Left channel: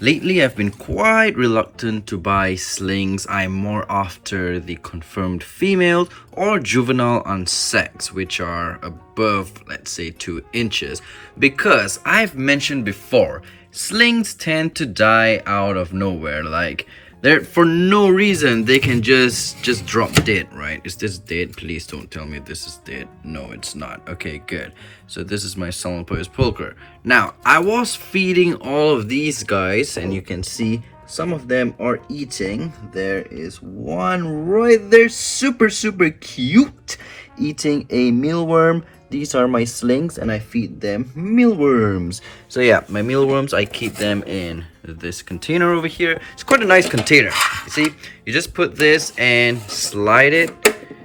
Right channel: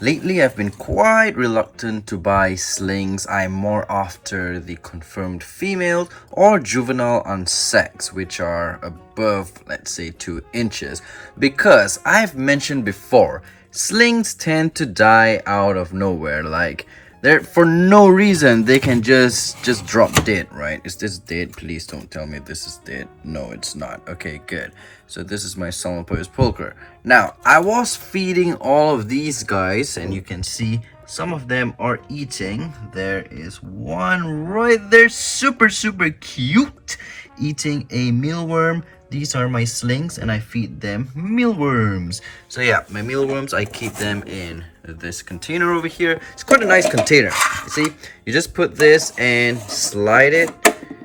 Lately, I've been quite reluctant to buy slings. I'm more after the confirmed female or juvenile unsexed, which are above, let's say, 2 inches. Because I've mentioned before, slings tend to die out of nowhere. Like, they're for no reason they can just drop dead, right? Is this dead? Please don't tell me this is dead. No, it's not. Okay, good. So this is my Salmopoeus pulcher. Now, I was feeding all of these guys, and you can see some of them are eating. There is one right there, super cute, eating a mealworm. These are my slings, and I feed them mealworms. So yeah, my mealworms, I keep them in this container over here. It's quite a nice container. You see, you just put this and slide it.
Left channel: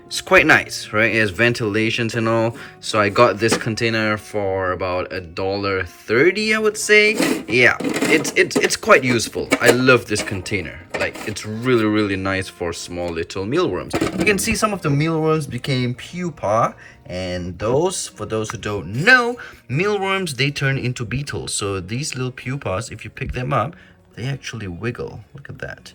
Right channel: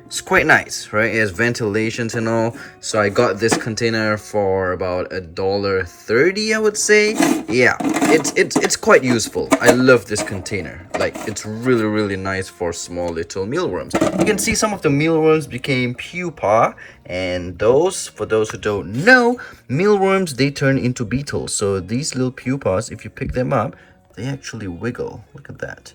It's quite nice, right? It has ventilations and all. So I got this container for about $1.30, I would say. Yeah, it's quite useful. I love this container. Like, it's really nice for small little mealworms. You can see some of the mealworms became pupa, and those, for those who don't know, mealworms, they turn into beetles. So these little pupas, if you pick them up, they actually wiggle. Look at that.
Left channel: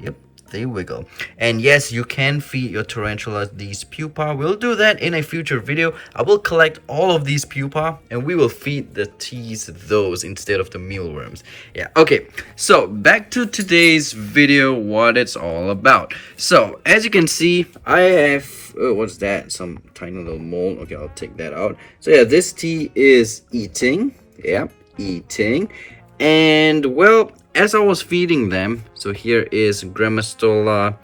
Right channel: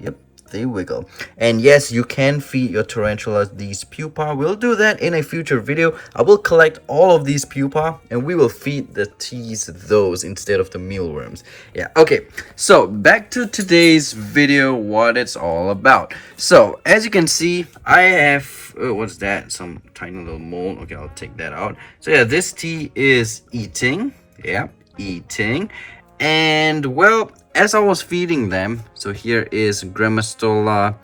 Yep, they wiggle. And yes, you can feed your tarantulas these pupa. We'll do that in a future video. I will collect all of these pupa and we will feed the teas those instead of the mealworms. Yeah, okay, so back to today's video, what it's all about. So as you can see, I have what's that, some tiny little mold. Okay, I'll take that out. So yeah, this tea is eating. Yeah, eating. And well, as I was feeding them, so here is Grammastola,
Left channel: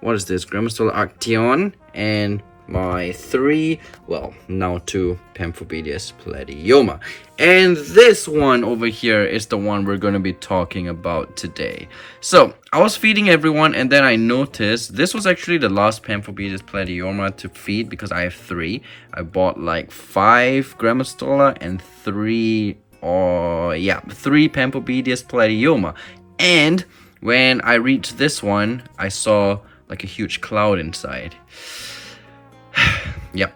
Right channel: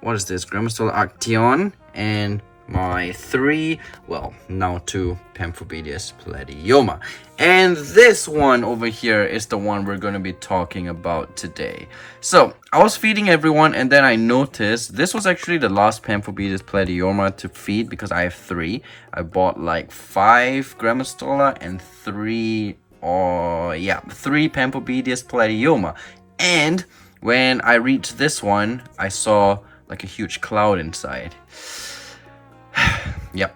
what is this? Grammastola Actaeon, and my 3, well, now 2 Pamphobedius Platyoma. And this one over here is the one we're going to be talking about today. So, I was feeding everyone, and then I noticed this was actually the last Pamphobedius Platyoma to feed because I have 3. I bought like 5 Grammastola and 3 Pamphobedius Platyoma. And when I reached this one, I saw like a huge cloud inside. Yep.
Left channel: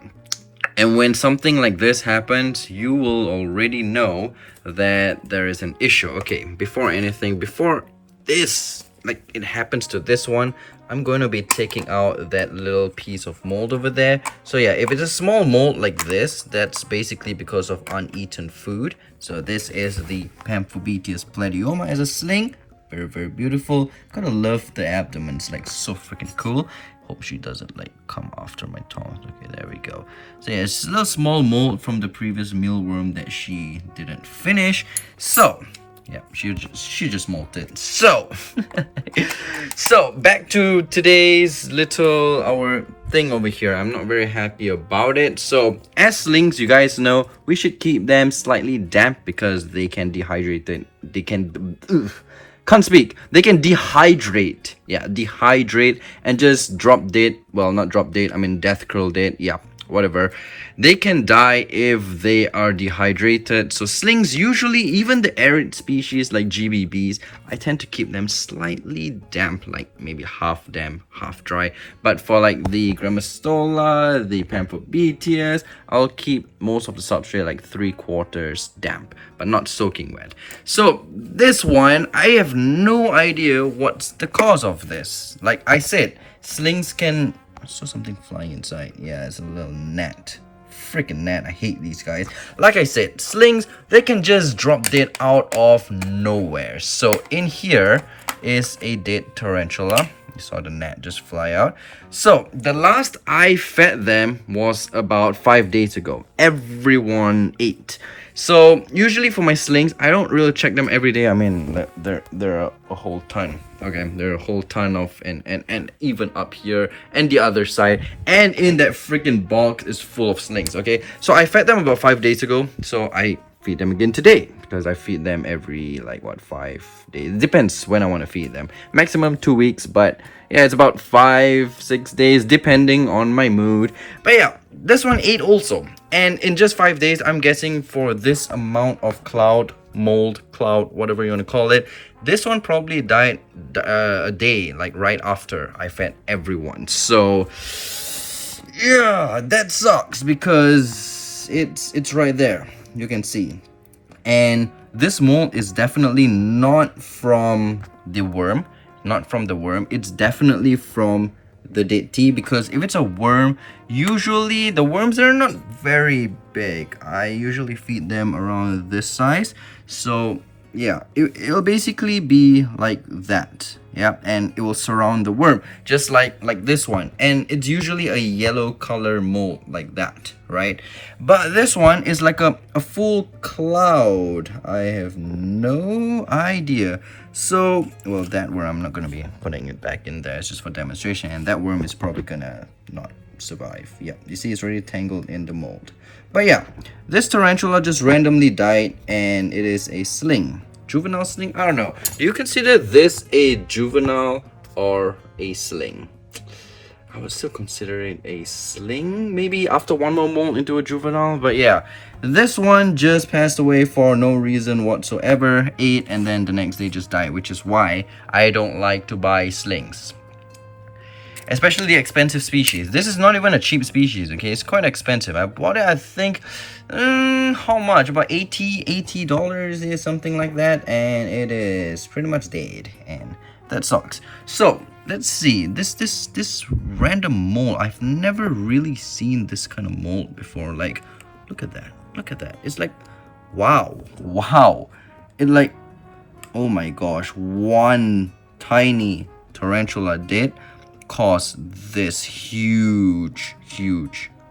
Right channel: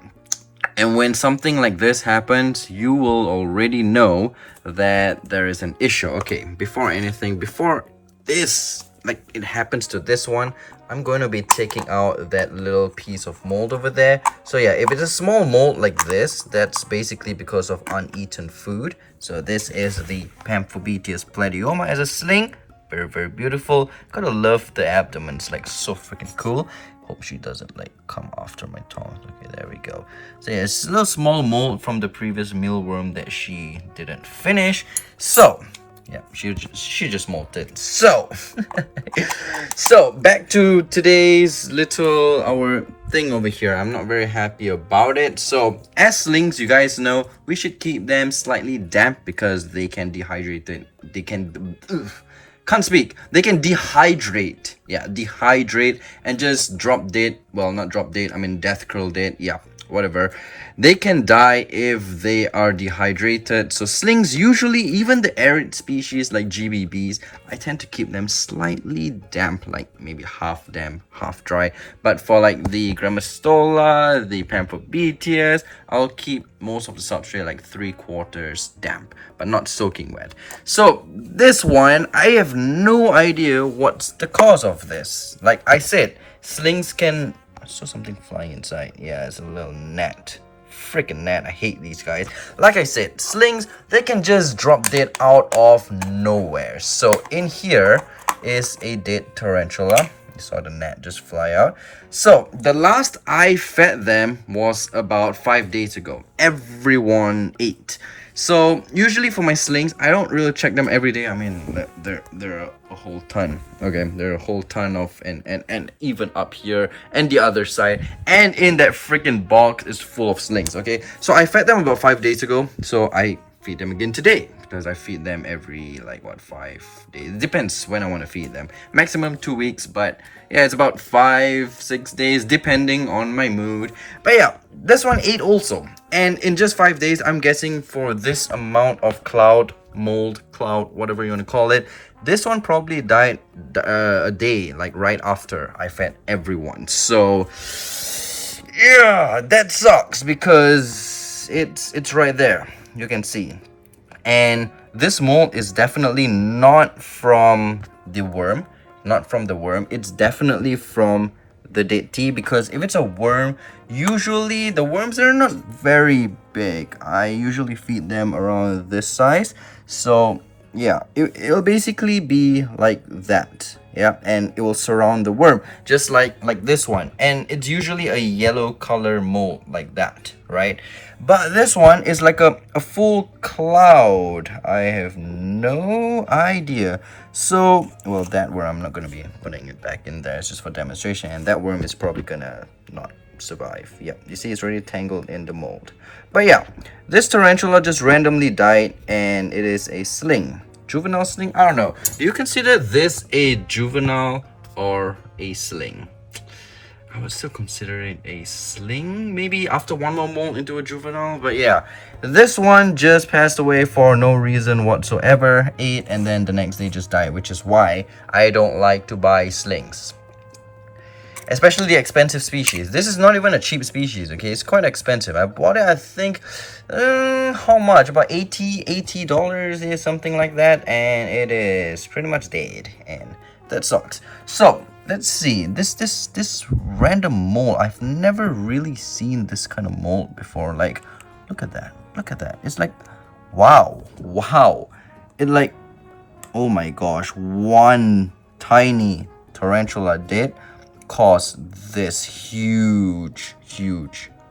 And when something like this happens, you will already know that there is an issue. Okay, before this, like it happens to this one, I'm going to be taking out that little piece of mold over there. So yeah, if it's a small mold like this, that's basically because of uneaten food. So this is the Pamphobedius Platyoma as a sling. Very beautiful. Gotta love the abdomen. It's like so freaking cool. Hope she doesn't like come after my tongue. Okay, there we go. So yeah, it's a little small mold from the previous mealworm that she didn't finish. So yeah, she just molted. So so back to today's little our thing over here. I'm not very happy about it. So as slings, you guys know, we should keep them slightly damp because they can dehydrate it. They can can't speak. They can dehydrate. Yeah, dehydrate and just drop dead. Well, not drop dead. I mean death curl dead. Yeah, whatever. They can die if they are dehydrated. So slings, usually even the arid species like GBBs, I tend to keep them slightly damp, like maybe half damp, half dry. But for like the Grammastola, the Pamphobedius, I'll keep most of the substrate like 3/4 damp, but not soaking wet. So this one, I have no idea what's the cause of this. Like I said, slings can... I saw something flying inside. Yeah, it's a little gnat. Freaking gnat. I hate these guys. Like I said, slings, they can just drop dead out of nowhere. So in here is a dead tarantula. You saw the gnat just fly out. So the last I fed them was about 5 days ago. Everyone ate. So usually for my slings, I don't really check them every day. I mean, they're a whole ton. Okay, they're a whole ton of, and even up here and the other side, and in that freaking box is full of slings. Okay, so I fed them about 5 days ago. So I feed them again today because I feed them every like what 5 days. It depends when I want to feed them. Maximum 2 weeks, but yeah, it's about 5-6 days depending on my mood. But yeah, this one ate also, and in just 5 days, I'm guessing for this amount of mold, whatever you want to call it, this one probably died a day, like right after I fed everyone. So yeah, that sucks because it's right there, you can see. And this mold is definitely not from the worm, it's definitely from the dead tea, because if it's a worm, usually the worms are not very big. I usually feed them around this size, so yeah, it'll basically be like that. Yeah, and it will surround the worm just like this one, and it's usually a yellow color mold like that, right? But this one is like a full cloud. I have no idea. So, well, that worm, I'm not gonna be putting it back in there, it's just for demonstration, and that worm is probably gonna not survive. Yeah, you see it's already tangled in the mold. But yeah, this tarantula just randomly died, and it is a sling. Juvenile sling? I don't know. Do you consider this a juvenile or a sling? I would still consider it a sling, maybe after one more mold into a juvenile. But yeah, this one just passed away for no reason whatsoever, ate, and then the next day just died, which is why I don't like to buy slings, especially the expensive species. This is not even a cheap species, okay? It's quite expensive. I bought it, I think, how much? About $80 is something like that, and it is pretty much dead, and that sucks. So let's see, this random mold, I've never really seen this kind of mold before. Like, look at that. It's like, wow, it like, oh my gosh, one tiny tarantula dead caused this huge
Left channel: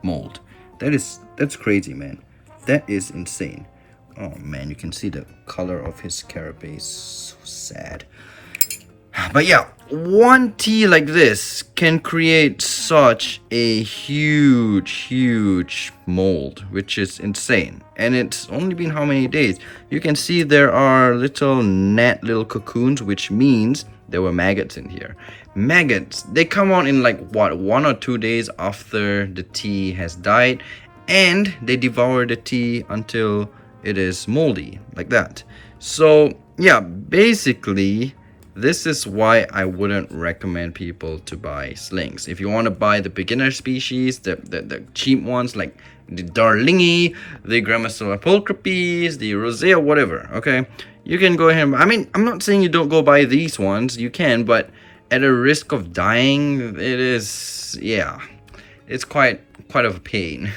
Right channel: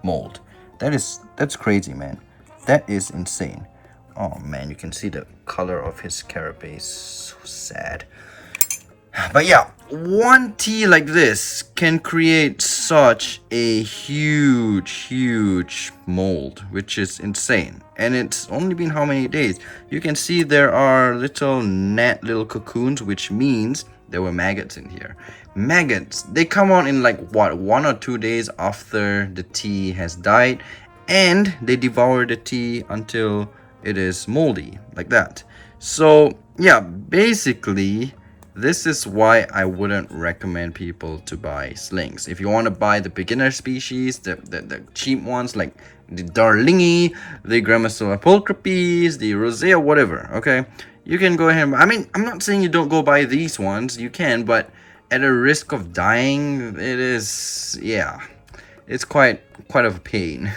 mold. That's crazy, man. That is insane. Oh man, you can see the color of his carapace. So sad. But yeah, one tea like this can create such a huge mold, which is insane. And it's only been how many days? You can see there are little cocoons, which means there were maggots in here. Maggots, they come out in like what, 1 or 2 days after the tea has died, and they devour the tea until it is moldy like that. So yeah, basically this is why I wouldn't recommend people to buy slings. If you want to buy the beginner species, the cheap ones like the Darlingi, the Grammastola pulchripes, the Rosea, whatever, okay, you can go ahead. I mean, I'm not saying you don't go buy these ones, you can, but at a risk of dying, it is, yeah, it's quite of a pain.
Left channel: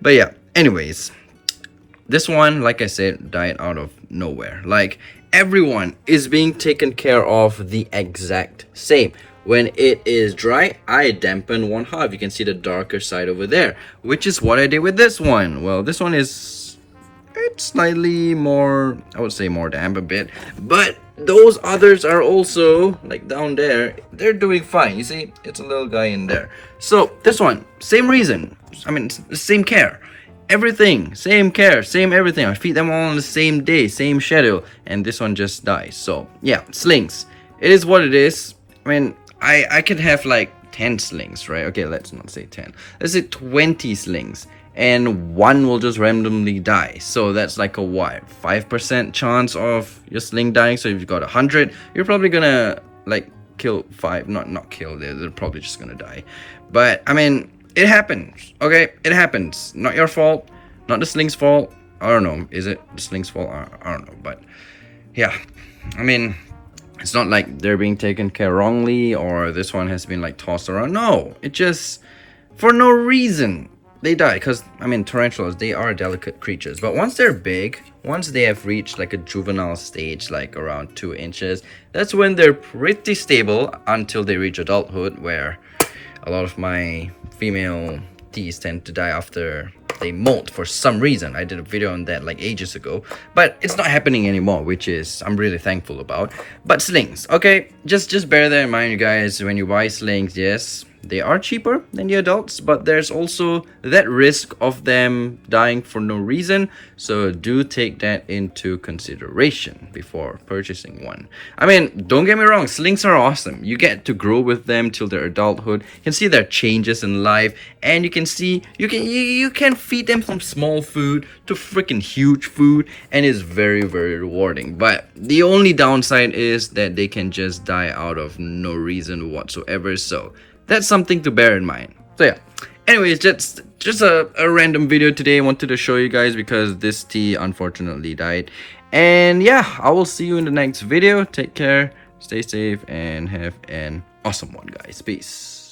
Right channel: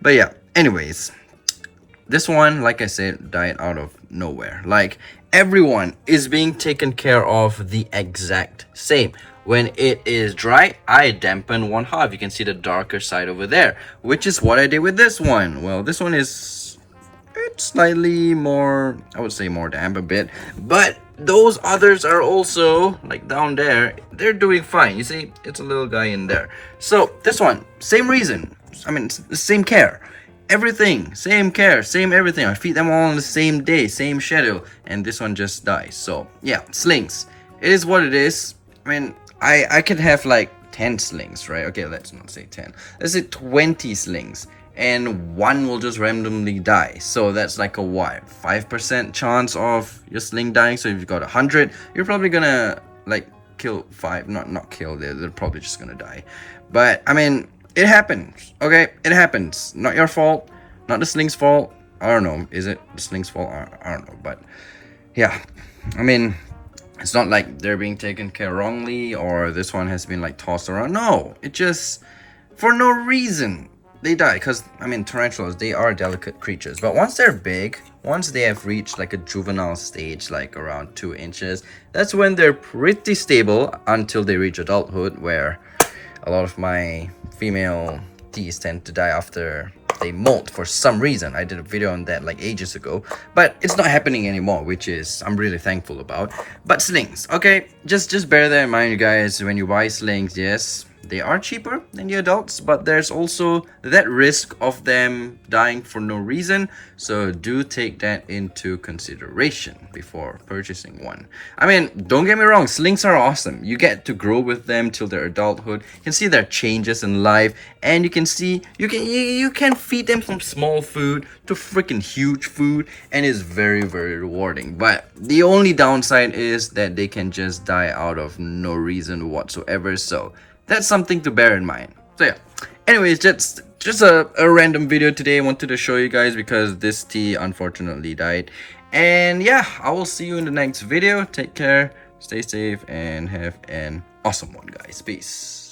But yeah, anyways, this one, like I said, died out of nowhere. Like, everyone is being taken care of the exact same. When it is dry, I dampen one half. You can see the darker side over there, which is what I did with this one. Well, this one is, it's slightly more, I would say more damp a bit, but those others are also, like down there, they're doing fine. You see, it's a little guy in there. So this one, same reason. I mean, it's the same care. Everything, same care, same everything. I feed them all on the same day, same schedule, and this one just dies. So yeah, slings. It is what it is. I mean, I could have like 10 slings, right? Okay, let's not say 10. Let's say 20 slings, and one will just randomly die. So that's like a what, 5% chance of your sling dying. So if you got 100, you're probably gonna like kill 5, not kill, they're probably just gonna die. But I mean, it happens, okay? It happens. Not your fault, not the sling's fault. I don't know, is it the sling's fault? I don't know, but yeah, I mean, it's not like they're being taken care wrongly or this one has been like tossed around. No, it just, for no reason, they die. Because, I mean, tarantulas, they are delicate creatures. But once they're big, once they have reached like a juvenile stage, like around 2 inches, that's when they're pretty stable until they reach adulthood, where a lot of my female teas tend to die after they molt for some reason. I did a video on that like ages ago, but it's not happening anymore, which is I'm really thankful about. But slings, okay, just bear that in mind, you guys. When you buy slings, yes, they are cheaper than the adults, but there's also that risk of them dying for no reason, so do take that into consideration before purchasing one. I mean, don't get me wrong, slings are awesome. You get to grow with them till their adulthood. You can see their changes in life, and you can see you can feed them from small food to freaking huge food, and it's very rewarding. But the only downside is that they can just die out of no reason whatsoever, so that's something to bear in mind. So yeah, anyways, just a random video today. I wanted to show you guys because this tea unfortunately died, And yeah, I will see you in the next video. Take care, stay safe, and have an awesome one, guys. Peace.